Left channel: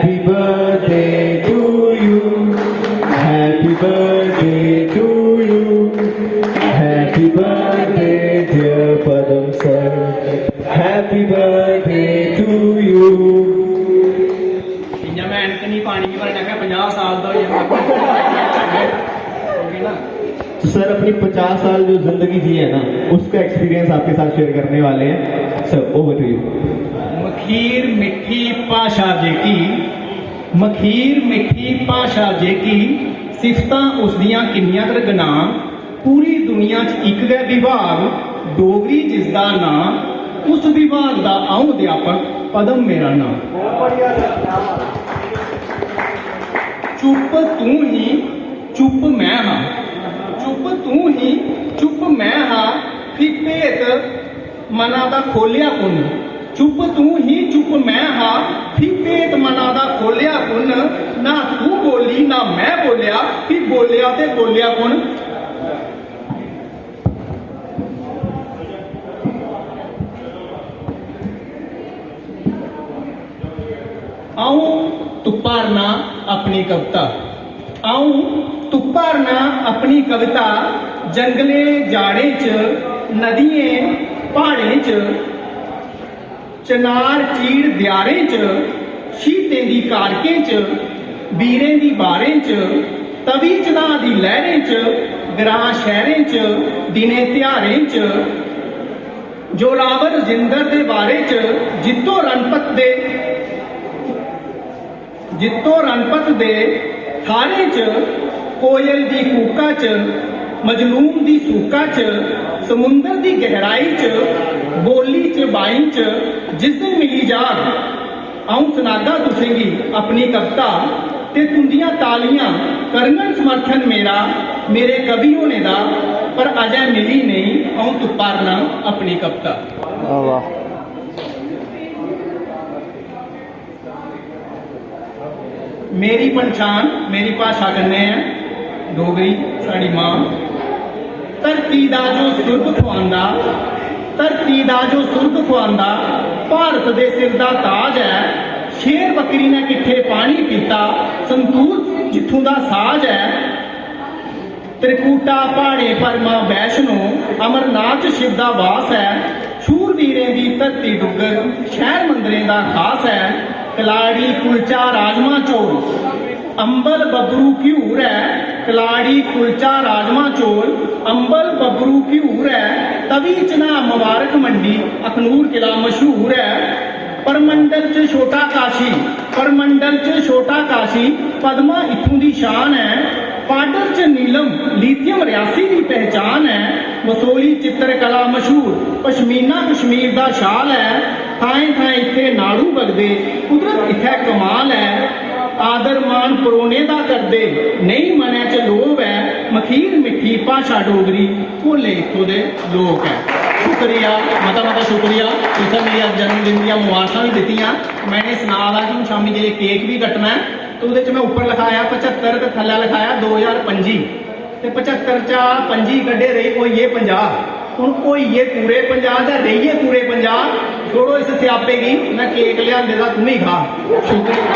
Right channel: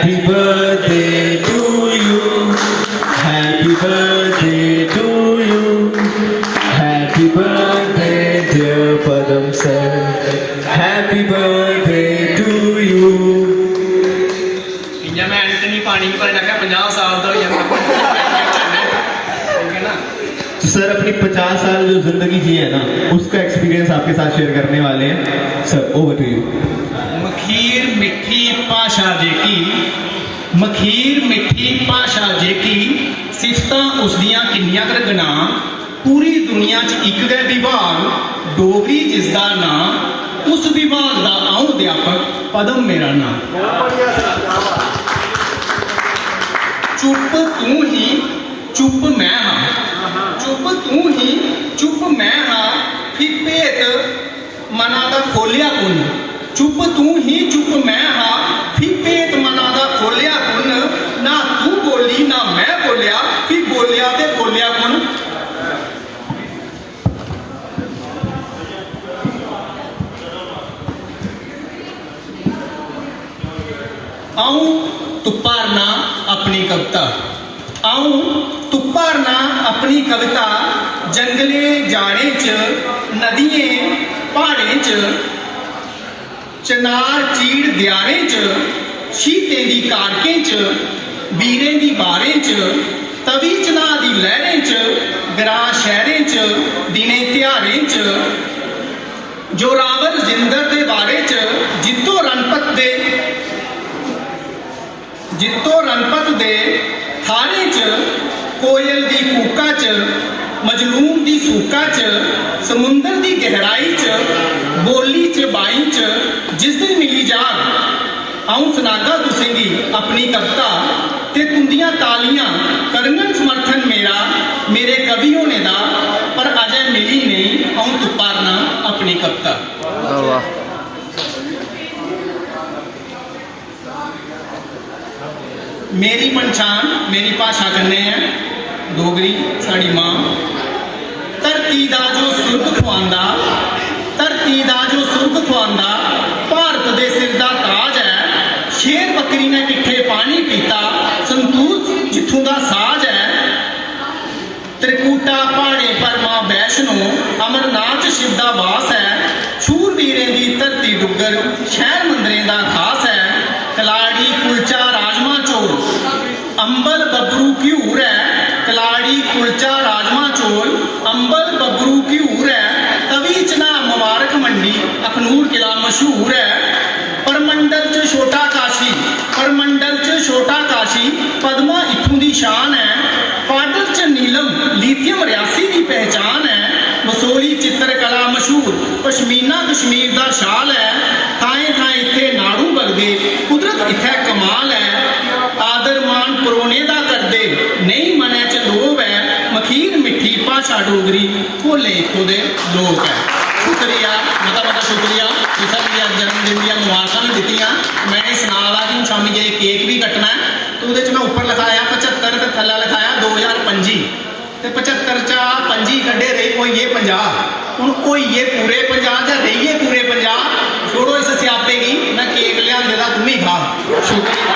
Happy birthday to you. Happy birthday to you. Happy birthday dear Padam sir. Happy birthday to you. जब मैं Antony पानी पर लगा 50 साल तो ये ना तो सर अपनी 50 साल जो जिंदगी जी है ना उसका एक्सपीरियंस आपके साथ शेयर करने वाले हैं सर ओवर टू यू। मखीर मिठी भाषा जेकी मखीर मिठी भाषा जेकी सिफतां उसदियां किन्नियां कर गना पूरी दुनिया च इक गै विभाग डोगरी जिसदा नाम उस विभाग दा आऊं अध्यापक पदम मेरा नाम। चुप तू ही चुप मैं हाँ चुप तू ही चुप मैं हाँ फिर भेत मना दा खोलिया कुन चुप तू ही चुप मैं हाँ फिर भेत मना दा खोलिया कुन ना तू बोली ना मैं बोलिया फिर बोलिया ते बोलिया कुन। आऊं तुप्पारना अपनी कविता आऊं तुप्पारना अपनी कविता जंगले जाड़े च नदियें पहाड़ें च चनार चीड़ दयारें च शीतें दी कारकें च बीरें दी बारें च तवी चना दी लहरें च ग्रां शहरें च दिनें ध्यारें च जोरावर जिंदर दे बारे च जित्तो रणपत दे थारे च कोयल दी कूका च मजलूम दी सूका च समुंदर दी गहराई च बोली च बाई च जिस दिन मिली जाग आऊं सुनागा तुसेंगी अपनी कविता ते तुंदियां तालियां करगन समर्थन मेरा मेरे कवि होने दा पर अजय मिली नहीं आऊं तुप्पारना अपनी कविता। वाह मेरी पहचान मेरी भाषा कन्नै है डोगरी साड़ी मां धरती दा जो सुर्ग खुआंदा धरती दा जो सुर्ग खुआंदा भारत दे सिर दा ताज है शेर बकरी ने किट्ठे पानी पीता संतूर जित्थों दा साज है त्रिकूटा पहाड़े पर मां वैष्णो अमरनाथ शिव दा वास है शूरवीरें दी धरती डुग्गर शहर मंदिरें दा खास है कलाड़ी कुलचा राजमा चौल अंबल बबरू घ्यूर है कलाड़ी कुलचा राजमा चौल अंबल बबरू घ्यूर है तवी चना मुबारक मंडी अखनूर किला मशहूर है परमंडल च छोटा काशी पद्मा इत्थों दी शान है पाडर च नीलम लिथियम रियासी की पहचान है बसोली चित्रकला मशहूर पश्मीना कश्मीर दा शाल है थाएं थाएं इत्थे नाड़ू बगदे कुदरत इत्थे कमाल है आदर मान परोने दा करदे नहीं मनै च लोभ है मखीर मिठी भाषा डोगरी भोले इत्थों दे लोक है। शुक्रिया मता शुक्रिया तुसें मेरी जन्मदिन दी मुबारकां भी दित्तियां मैंने सना दा कि शामी जे केक भी कटना है तो उहदे च मैं उपर लिखाया 75 ते थल्ले लिखाया 2025 ते 75 चा 25 कड्ढे रही होइए 50 हुण होइए पूरे 50 जां रहिए पूरे 50 छोड़ो इस स्यापे की मैं केक लिया तू ही खा। शुक्रिया।